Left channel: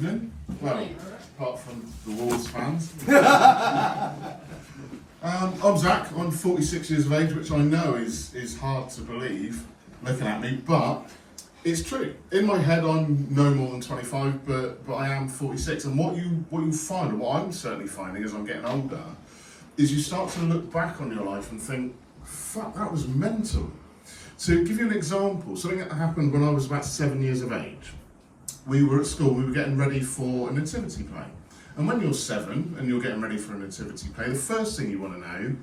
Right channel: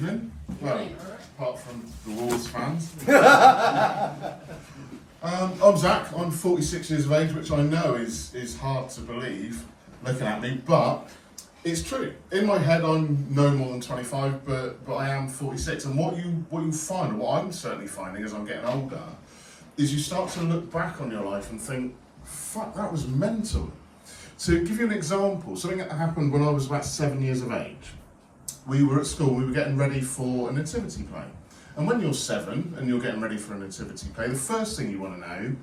Well, apart from the Wolves fans. I'm Zach, I'm 46 years of age, which I know is hard to believe looking at me, but it's true. In my head I'm no more than 25, but I am 46, and what you find, and what I'm certainly finding as I'm getting older, is you start to look back on your life and think, fuck, that was mental. To give you an example, something that happened when I was about 7 years of age. We were at school, we were getting ready for a nativity play. And when you're 7 and you're getting ready for a nativity play, the first thing you want to know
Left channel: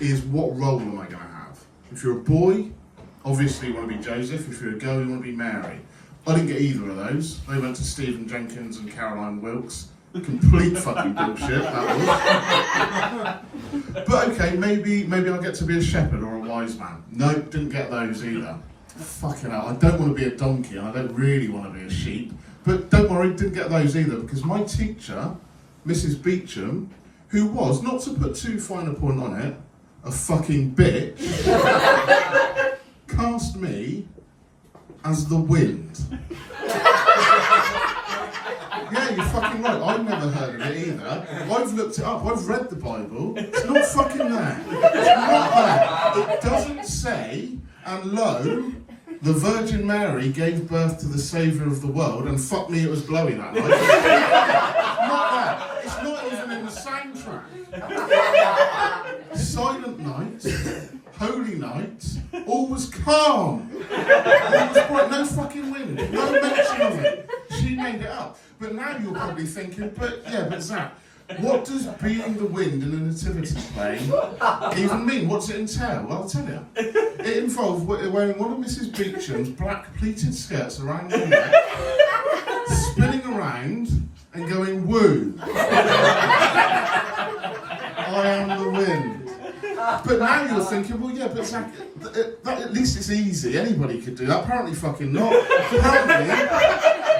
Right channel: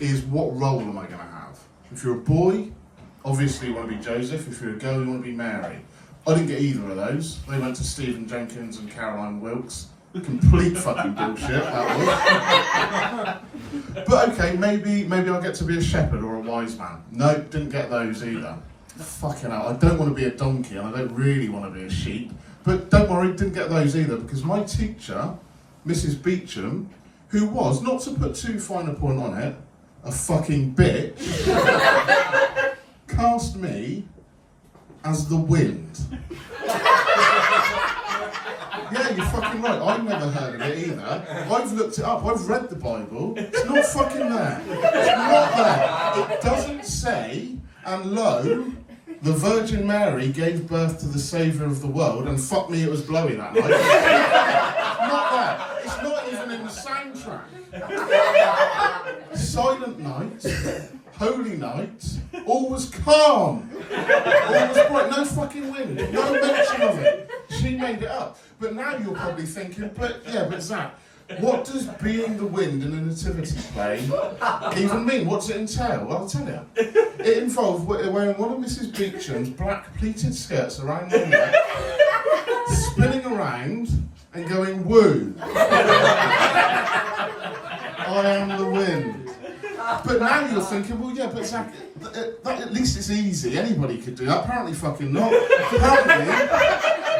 is, what role am I going to have? If you're a boy, obviously you want to be Joseph. If you're a girl, you want to be Mary. I didn't get either of those. They went to Stephen Jenkins and Caroline Wilkes. Complete fucking bullshit, that was. But okay, maybe I'll get to be a shepherd or a wise man. No, didn't get those either. Fucking hell, I don't want to be a donkey and I don't really want to be a sheep. But don't worry, didn't get those either, because my teacher, Mrs. Beecham, who was, not to put too fine a point on it, a fucking bitch, cast me as the wind. Yeah, you're fucking right, I've never heard of it either. I've looked it up, I've read the Bible, it's not fucking there. It's not there. It doesn't say, and lo, the Virgin Mary gave birth to the Saviour of the world, and fuck me, it was blowing that night. Not there. It's not even in the soundtrack. Silent night, holy night, all was calm. There was quite no fucking wind, no mention of it. She made it up. But now you're probably thinking, but Zach, what does being the wind in a nativity play even mean? What's it entail? Well, I'll tell you. It involves wearing one of Mrs. Beecham's black pleated skirts around her neck, spinning around and going, woo. I am the wind. But now you're thinking, well, yeah, but Zach, at least it's easy. Anybody could do that. Apparently fucking not.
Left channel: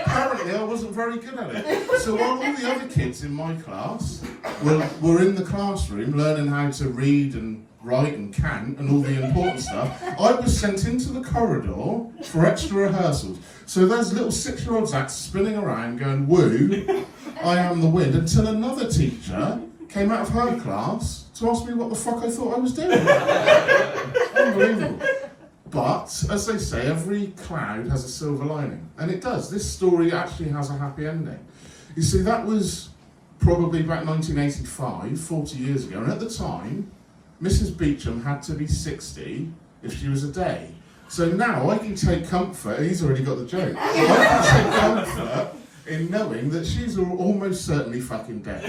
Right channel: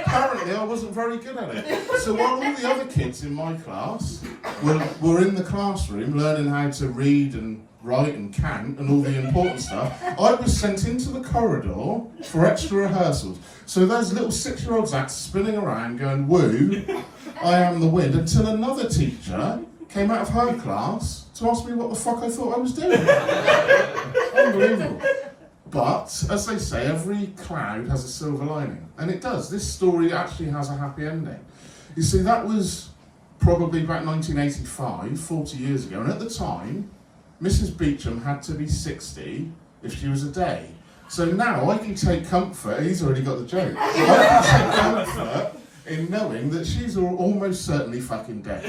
Apparently I wasn't very good at it. So while all the other kids in my class were in the classroom learning how to read and write and count and all the important stuff, I was sent into the corridor for extra rehearsals. So there's little 6-year-old Zach spinning around going, woo, I am the wind, until another teacher came out of her class to ask me what the fuck I thought I was doing. Unbelievable. But, as they say, every cloud has a silver lining. And it does. This story actually has a happy ending. You see, that was probably about 1985, 40 years ago. And at the time, Mrs. Beecham had to be 60 if she was a day. So now I can take comfort, he's already got the joke, I can take comfort in knowing that she's almost certainly fucking dead.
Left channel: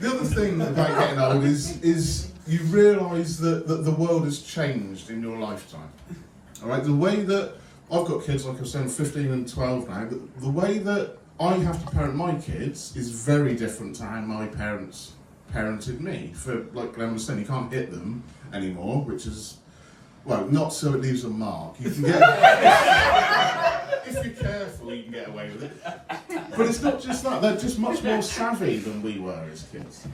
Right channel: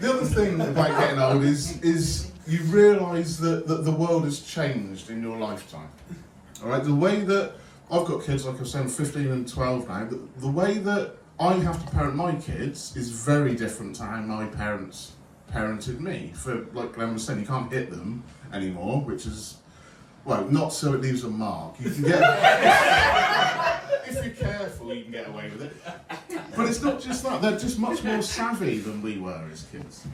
The other thing about getting old is you realise that the world has changed in your lifetime. Alright, the way that I've got kids, like I was saying, 15 and 12 now, the way that I have to parent my kids is very different to how my parents parented me. For, like Glenn was saying, you can't hit them anymore, which is, well, not so it leaves a mark. You can get, if you're careful, you can get away with it. But it's not just that, they're just much more savvy than we were as kids.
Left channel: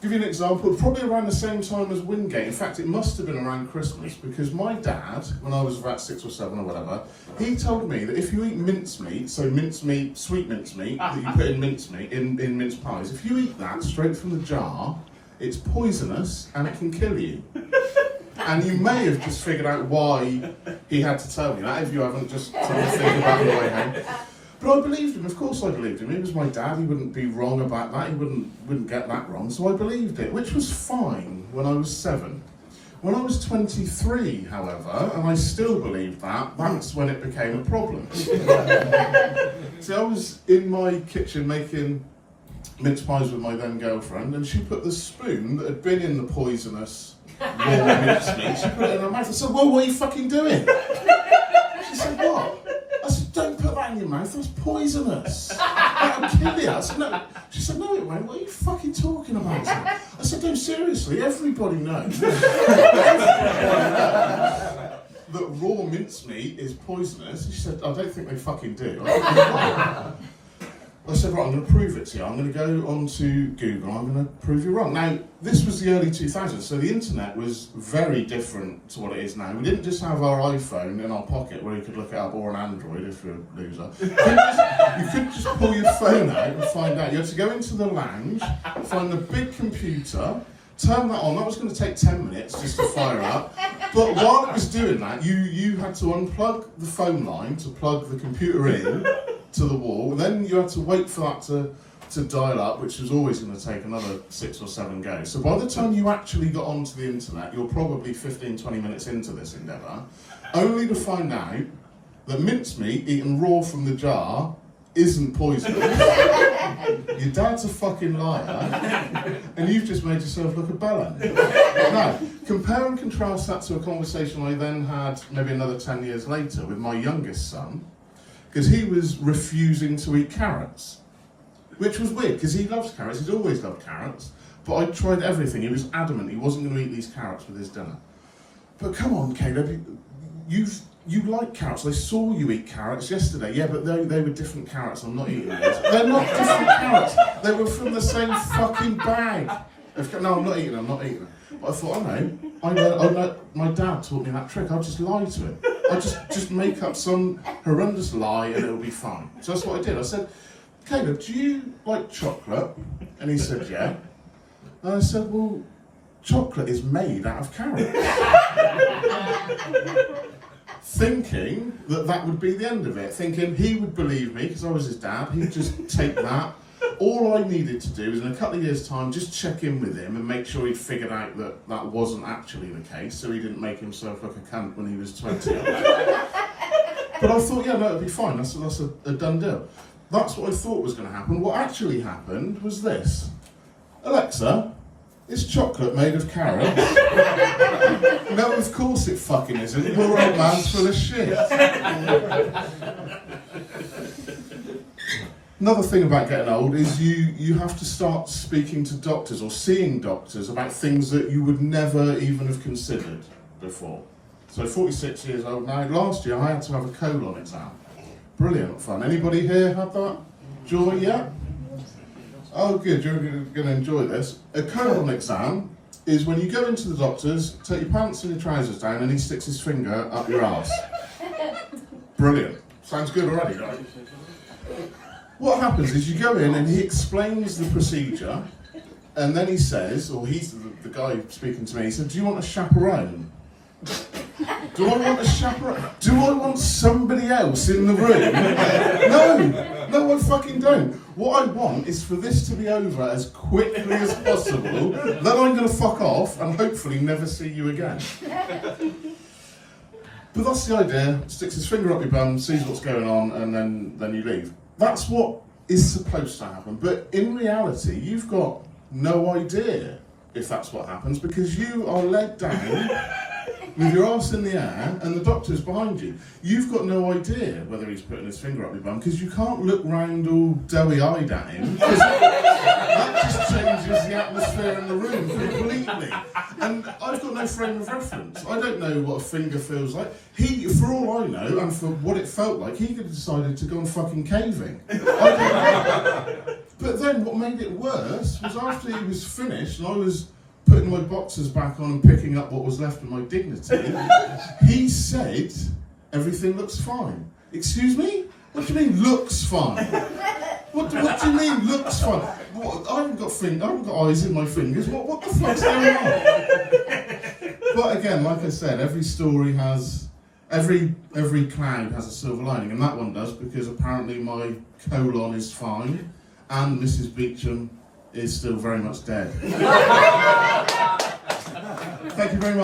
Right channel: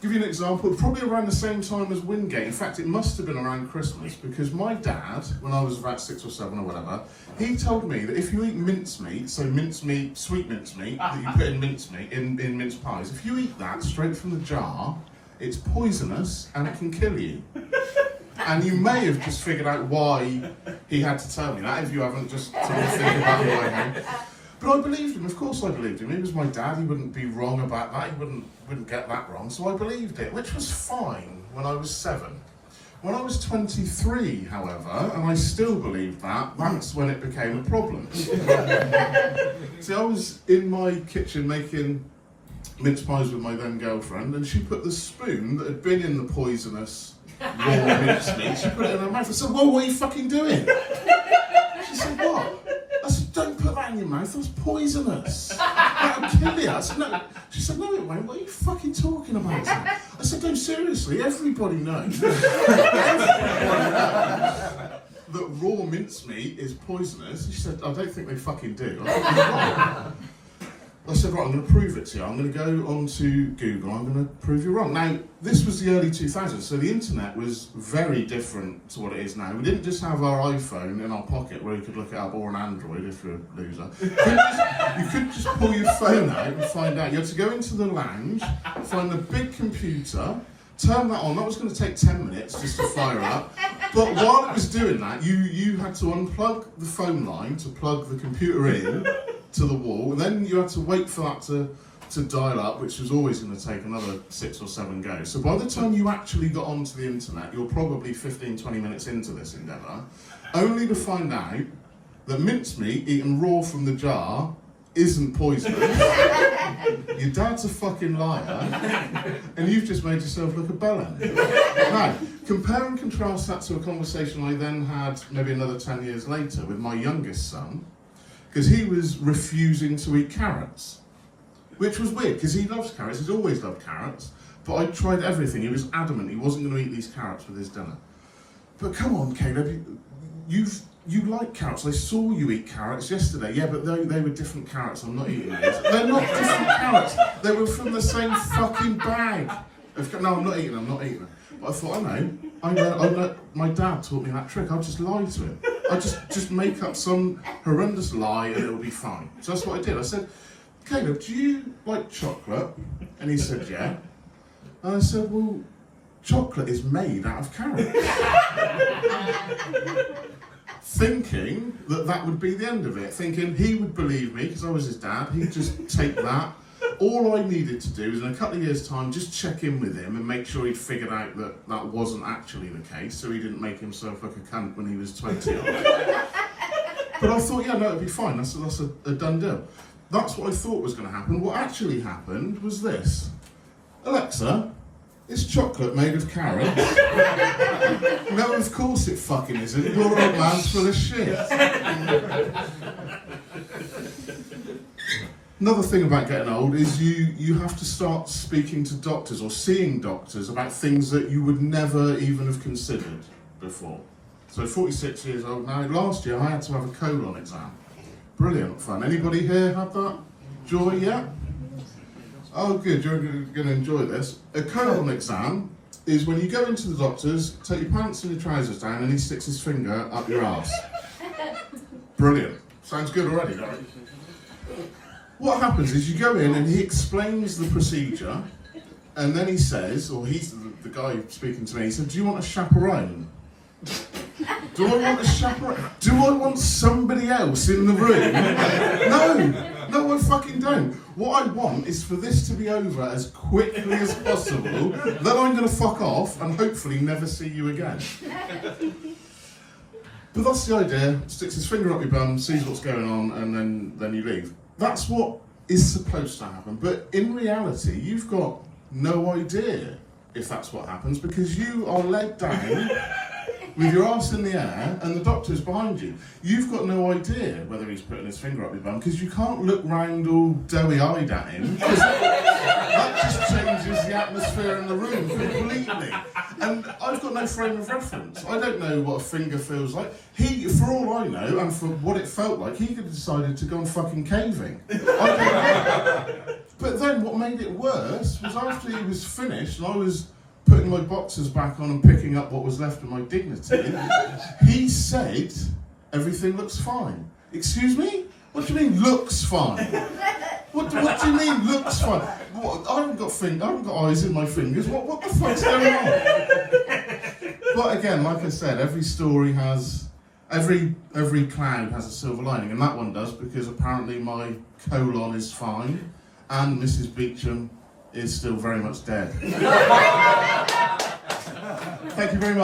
Give you an example, probably around the same time as Wingate. In fact, it must have been around Christmas, because my dad, when I was about 6 or 7 or whatever, he told me that if you eat mincemeat, so mincemeat, sweet mincemeat, that you put in mincemeat, in mince pies, if you eat that straight from the jar, it's poisonous and it can kill you. And you may have just figured out why he had to tell me that, if you haven't just sort of think about the way home. But I believed him, of course I believed him. He was my dad, he wouldn't be wrong about that, he wouldn't get that wrong, so I believed it, which was fine when I was 7. When I was 23, however, and I still believed that, that's when it became a problem. See, I was in my kitchen making mince pies with my then girlfriend, and she put the spoon that had been in the poisonous raw mincemeat, she put it in her mouth. I said, well, what are you fucking doing? She said, what? I said, don't put that in your mouth, that's poisonous. That'll kill you. I said, no. She said, no it won't, what are you fucking talking about? I said, no, seriously, everybody knows that raw mincemeat is poisonous. She said, I don't think they fucking do. I I said, right, I'm going to prove it to you. I'm going to go onto Google, I'm going to prove you wrong. Now, this was the early 2000s, so the internet was very different to what it is now. We didn't just have our iPhone in our pocket where you could look it up, or an Android if you're a loser. You could just pull your phone out and find out. You had to go into the lounge, find the big computer, turn that on. That was going to take 10 minutes just to fire up. But while it was doing that, you had to unplug the phone line to plug the computer in to the wall. Then you had to wait for that to dial up, which was always going to take another 6 or 7 goes. So by the time you actually got onto the internet, you're probably 15, 20 minutes into this endeavour, only to find out that mincemeat eaten raw from the jar isn't poisonous. Your dad's a fucking liar, and you've just made yourself look a bellend. Now, compare and contrast that to a conversation I then had maybe another 10 years later with my youngest son, because he was refusing to eat carrots, which was weird, because he loves carrots, he's always loved carrots, but I tried everything. He was adamant he wasn't going to eat these carrots with his dinner. But come on, Caleb, you like carrots. I saw you eat carrots yesterday. Yeah, but they were different carrots. I'm not eating those. They're not different carrots. They were from the same fucking bag. No, I'm not eating them. I'm not eating them. But I thought, I know. My dad taught me that trick. I'll just lie to him. I'll just make up some horrendous lie and it'll be fine. So that's what I did. I said, Caleb, do you like chocolate? And he said, yeah. And I said, well, chocolate is made out of carrots. Thinking that would be the end of it, thinking he would believe me because I was his dad, he'd just take that. All I needed to do was in a couple of years' time just check in with him and make sure he'd figured out that that wasn't actually the case, so he didn't make himself look a cunt when he was 20. But I thought, yeah, no, it'd be fine, that's a done deal. That's what I thought was going to happen. What actually happened was this. Alexa, is chocolate made of carrots? No, of course it fucking isn't. Your old man's full of shit. Another thing about getting old is you have to start speaking to doctors or seeing doctors about things that you would never even have considered before. So 46 years old now. Last year I had to have a colon exam. Brilliant fun. Anybody here had that joy yet? Oh good, you're going to enjoy this. A colon exam is when you go into the doctor's, take your pants and your trousers down and he sticks his finger up your arse. Brilliant. Sounds good already, doesn't it? What happens is you go in and he explains the procedure and then he says, or he's the guy speaking to me, he said, do you want a chaperone? Do I want a chaperone? Do I want somebody else in the room? No, I fucking don't. What I want is for this to be over as quickly as possible, then I'm going to fuck off and hopefully never see you again. But that's the idea. Sticks his finger up your bum, sees what's going on, and then you leave. That's what is supposed to happen. But in reality, you've got no idea if that's what happens because you are led down with your arse in the air and the doctor's behind you. You've got no idea whether he's putting his finger up your bum because you can't look round all doughy-eyed at him. That just changes the atmosphere in the room completely. And I've got no frame of reference. I don't know what a finger feels like. He, for all I know, and for what it felt like, he could have decided to go on fucking caving. I don't know. But then what made it worse was after he was finished and I was putting my boxers back on and picking up what was left of my dignity, he said, everything looks fine. Excuse me? What do you mean, looks fine? What do you mean, looks fine? What, I haven't got eyes in my fingers. What the fuck's going on? But again, like I said, every story has, every cloud has a silver lining, and that one does, because apparently my colon is fine, and Mrs. Beecham is still very much dead. Thank you very much.